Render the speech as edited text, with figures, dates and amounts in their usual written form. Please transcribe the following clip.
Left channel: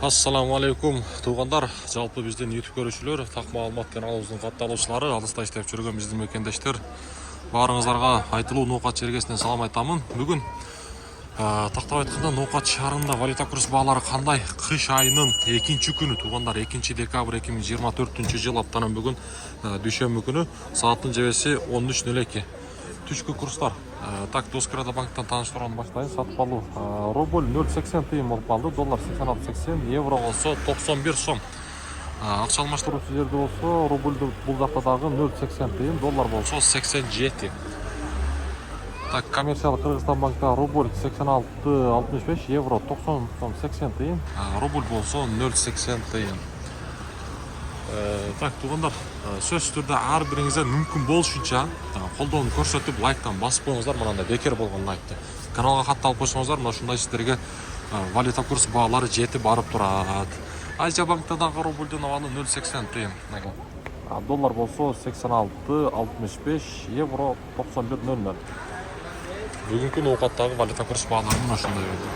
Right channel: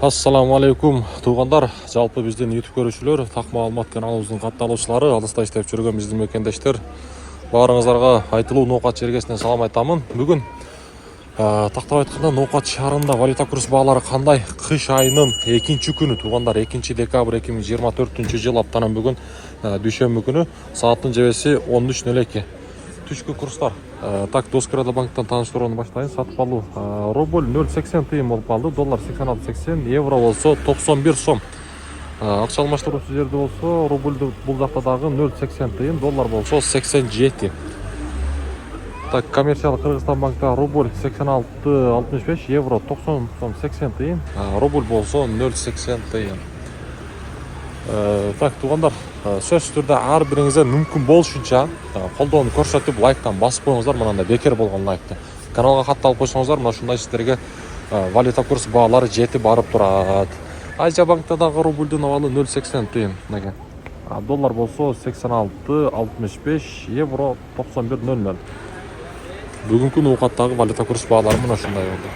Ассаламу алейкум туугандар, жалпы биздин YouTube көрүүчүлөр, так маалымат каналыбыздын катталуучулары, алыста иштеп жүргөн биздин мекендештер, баарыңыздарга айтылуу ноокат жергесинен салам айтамын. Бүгүн тактап айтканда ноокат шаарында валюта курс баалары кандай? Кыш айынын 2-күнү туугандар, 2-декабрь 2024-жыл аптанын бүгүн дүйшөмбү күнү сааттын жебеси 13:02. Түшкү курстар. Так, Доскрада банктан таныштырууну баштайын. Сатып алуу рубль 0,80 тыйын болуп калды, доллар 86,80, евро болсо 91 сом. Акча алмаштыруучу жерде болсо рубльдү бул жакта дагы 0,80 тыйын, доллар болсо 87. Так, коммерциялык Кыргызстан банкта рубль 86,65, евро 90 сом 80 тыйын, рубль болсо 0,80 тыйын. Так, туугандар, сөзсүз түрдө ар бириңизге мүмкүн болушунча колдоону көрсөтүп, лайктан басып коюңуздар, мынандай бекер болгон лайкты. Каналга катталып койсоңуздар, мына ушундай сиздерге валюта курс баалары жетип барып турат. Азия банкта дагы рубльдүн абалы 0,80 тыйын. Доллар болсо 86,65, евро 91,00. Бүгүнкү ноокаттагы валюта курс баалары мына ушундай болду.